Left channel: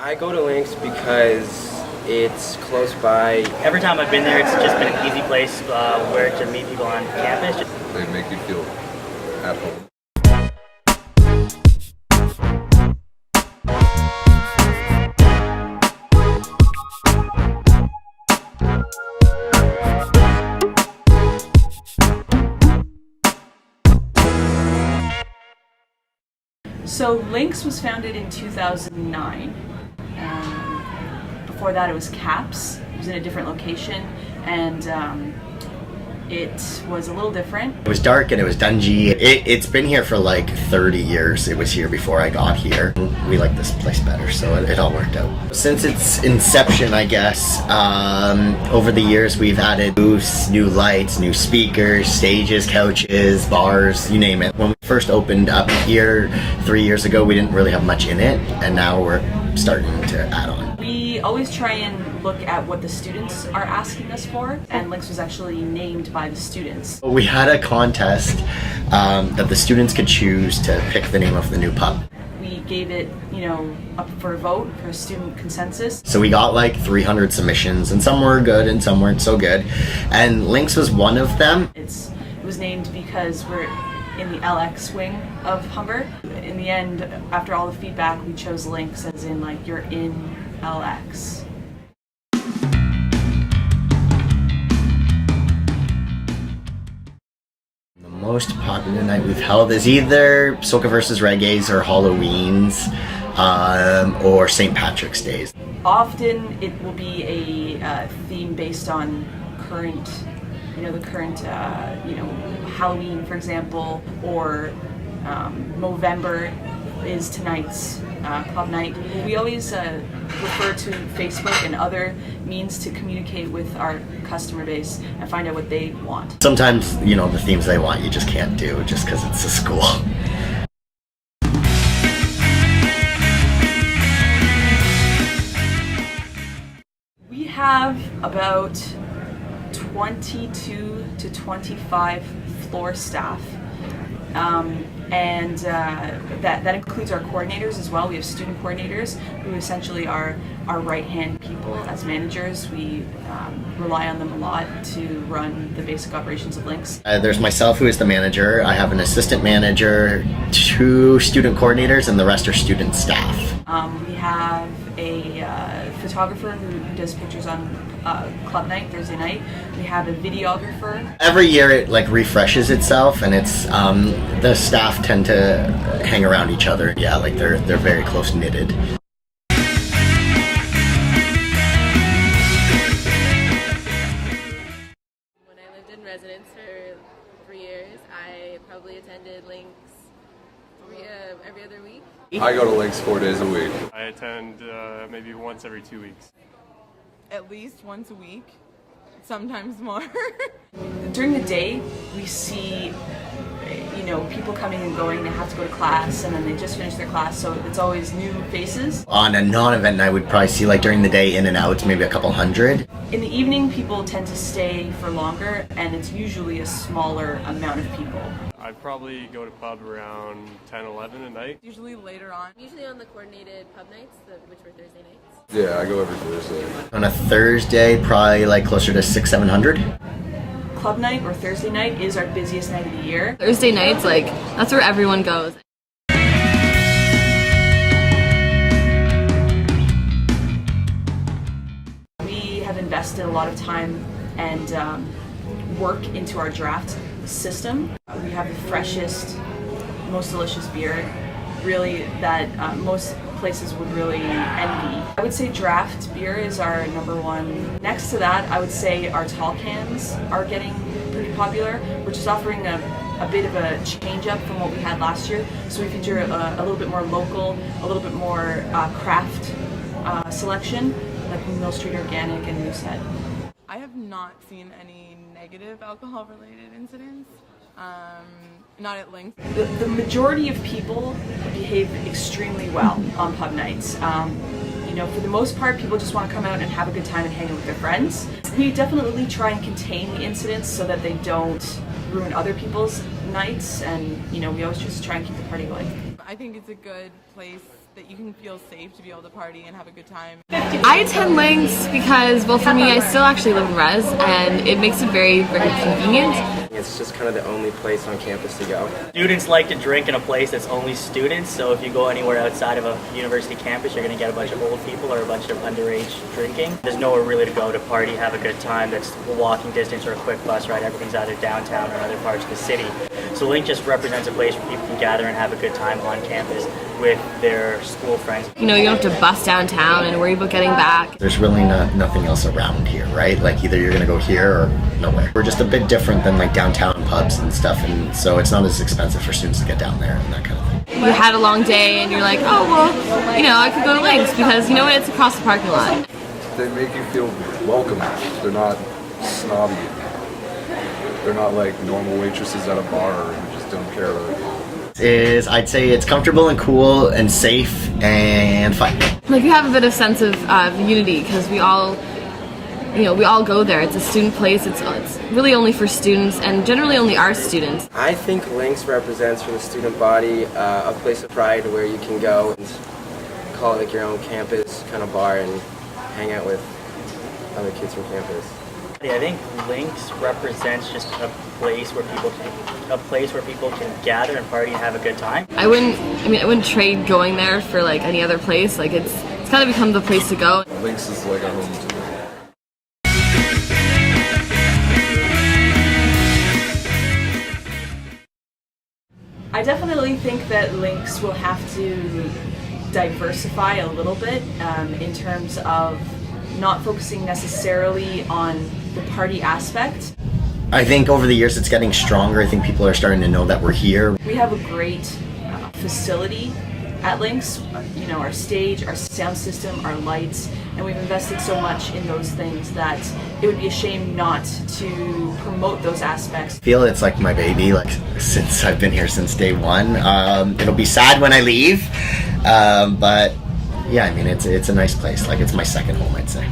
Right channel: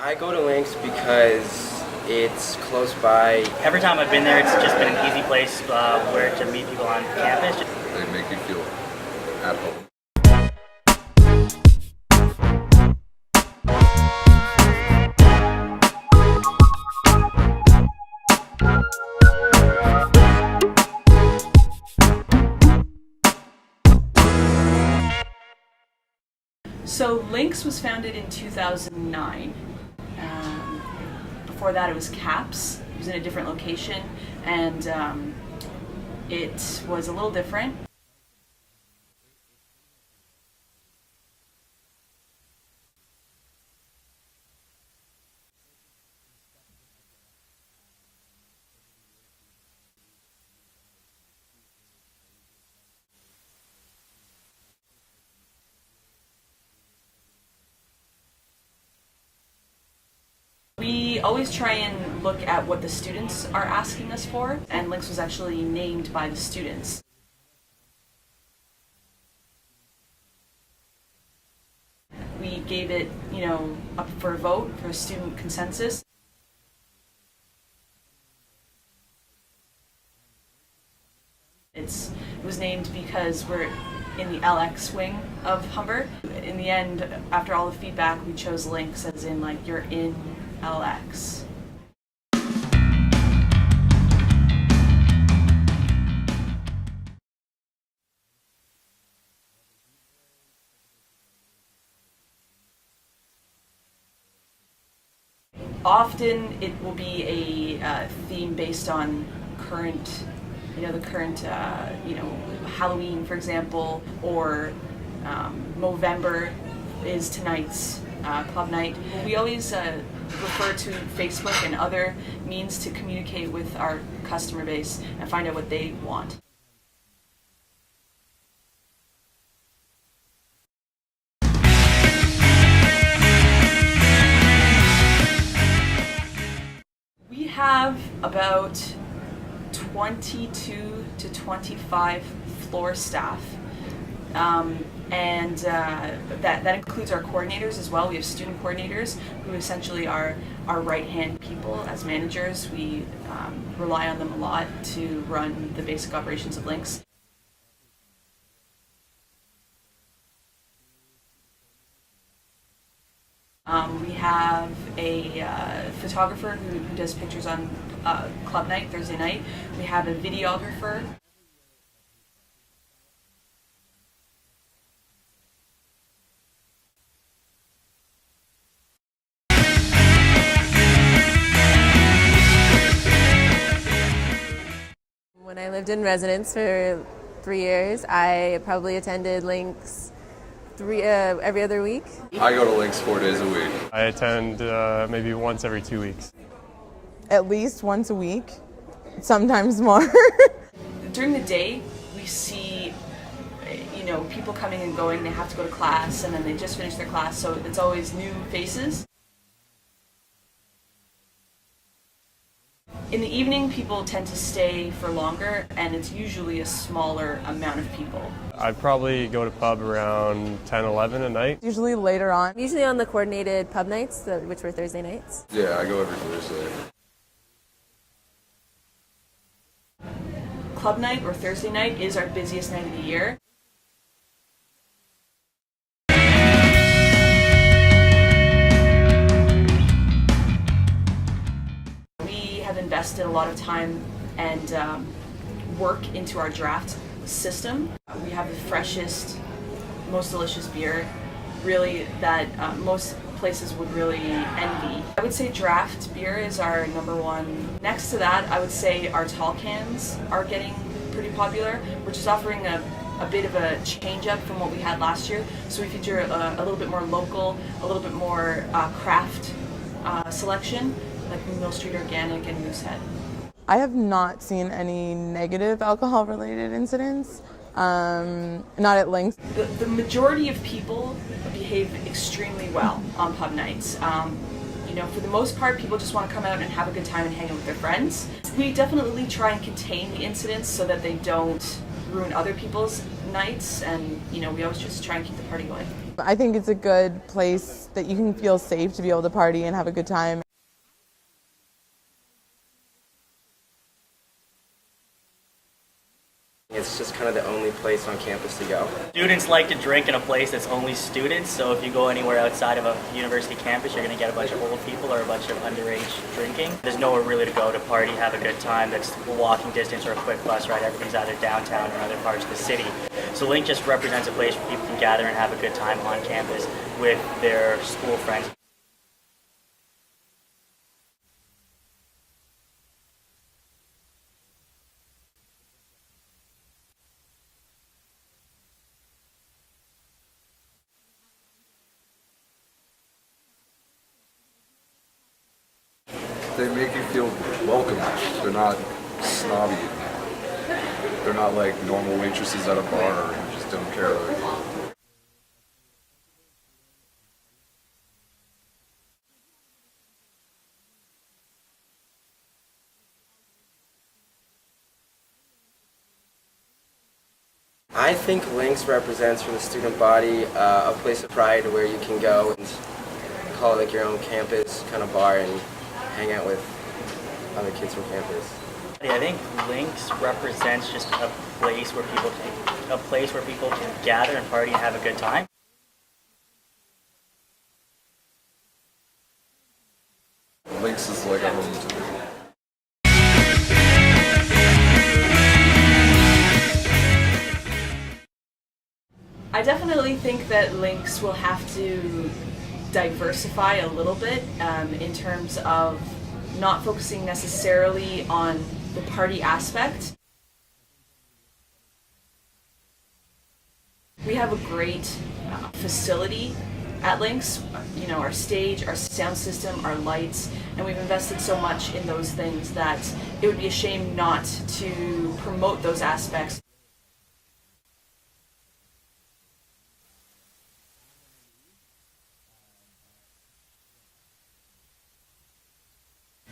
I go to LinX because it's close by. Every time I've been there, it's just been an easy place where to meet people on campus. They make you feel at home. So LinX was founded in 2009. Before that it was CAPS. It was in a different location, and it was a little different. It was dark and it was dungy. It's been here for like 30 years. It was here before I got here. We like this place better, so it all worked out. Since its inception, I guess, over the years we've added booths, new lights, new speakers, stages, couches, bars, you name it. When we first opened up here 3 years ago, we didn't really have much in it, and now we're starting to add on. We always try and look at what the students are asking us for, and LinX was actually named by the students. We had a contest that the students could choose to pick the name of the new pub. We gave it, up for a vote for a student consensus. So we got like 300 submissions, and some were good and some weren't so good, and LinX was one of them. It was named because we're in the LX wing of Humber. In the end, after all the feedback, we chose LinX as in like you're in LX. The most popular night we've held is either Soca versus Reggae's or Halloween's or St. Patrick's Days. Often it will be a theme based on current, Halloween, for example, or Movember is tonight's club night. We always refer to Facebook and other means to communicate with our customer base and find out what they want. Sometimes, the themes they want you just can't do just because it's a school. We have about 22 to 25 floor staff, and that includes our coordinators as well. We have student coordinators who essentially are our right-hand people as managers. We rely on them a lot to run the basic operations of LinX. There's myself, who is the manager. I have an assistant manager, 2 student coordinators, and the rest are student staff. We have a photographer who does pictures on club night, Thursday night. We have a videographer. Every year it refreshes itself, and it's the staff tend to hang around each other. Yeah, they're very close knitted. When I lived in residence for 3 years, I probably attended LinX every other week. I go to LinX 4 days a week. I attend maybe once every 2 weeks. At least once a week, sometimes more. During the day, we see people coming and going. They have to go to class, and then they just finish their class, so it's always new faces. On a non-event night, we'd probably see during the day in and out, maybe a couple hundred. In the evening, people tend to stay for longer, and it's usually a smaller amount of people. I'd probably go to pub around 10, 11 at night. Usually later on. Usually on the coordinated pub nights, which were Thursday nights. Yeah, I go every Thursday. On a Thursday, probably closer to 600-700. Club night or Thursday night is our busiest night of the year. Thursday nights, that's where everyone goes. We have invested a lot of time and work into our draft system. We have the freshest, most delicious beer, really, that most places would really envy. I would say draft beer is our #1. Next to that, I would say our tall cans are getting pretty popular. We're just offering a bit of a change up from what we had last year. So we feature a little bit more local, a little bit more craft selection, like Mill Street Organic and Moosehead. I have not seen any negative alcohol-related incidents. Not at LinX. The majority of people behave extremely well on pub nights. For the most part, people just want to come out and have a good time and hang out with their friends. We definitely try and contain the incidents so that they don't ruin other people's nights, and we always just try and keep the party going. I think it's a good place. that you can feel safe to be able to party and have a good time. I attend LinX because, well, for me, I still actually live in res, and it makes it very, very convenient. It's just kind of the only place on campus to go. Students like to drink in a place that's only students, so if you go anywhere outside of a university campus, you're going to get a bunch of old people or a bunch of underage drinking. There's nowhere really to go to party, have a good time that's walking distance or a quick bus ride. Everything's either downtown or in other parts of the city. So LinX just represents a place where people can gather and have a good time on campus with their school friends. You know, you don't have to bus downtown and worry about getting back. There's really nothing else around here, right? Like either you're gonna go here or nowhere. We're just a bit different than like downtown pubs and stuff, and so it's not as expensive for students to get down there and that kind of thing. You had a long day and you're like, oh, well, you know, I could go to LinX because, you know what, it's across the parking lot. They make you feel welcome. They're not snobby. They're not like normal waitresses at a bar who just don't care about you. I'd say it's comfortable and cool and safe and fun. Like, you have a bit of sense of unity because we all go there. It's a student place. It's really only for students and generally only our students. I think LinX represents for the student body a place of pride where you can go and call it like your own campus kind of bar and hang out with other kids from campus. I think LinX represents just a place where people can gather and party and have a good time. I wouldn't trade going there for like any other place. Like it's kind of become the place to go. LinX is like a home to me. I definitely think that LinX will have to diversify a little bit in terms of not focusing necessarily on the party aspect. I think over the years it's getting stronger. I think people are starting to know that we're here. We have a great facility at LinX, you know, our stage, our sound system, our lights, and we've invested so much in those things that it would be a shame not to promote those aspects. I feel it's like my baby, like since I've been here since day one. It'll be sad when I leave, but yeah, I mean it's a nice place. Like it's my second home, I'd say.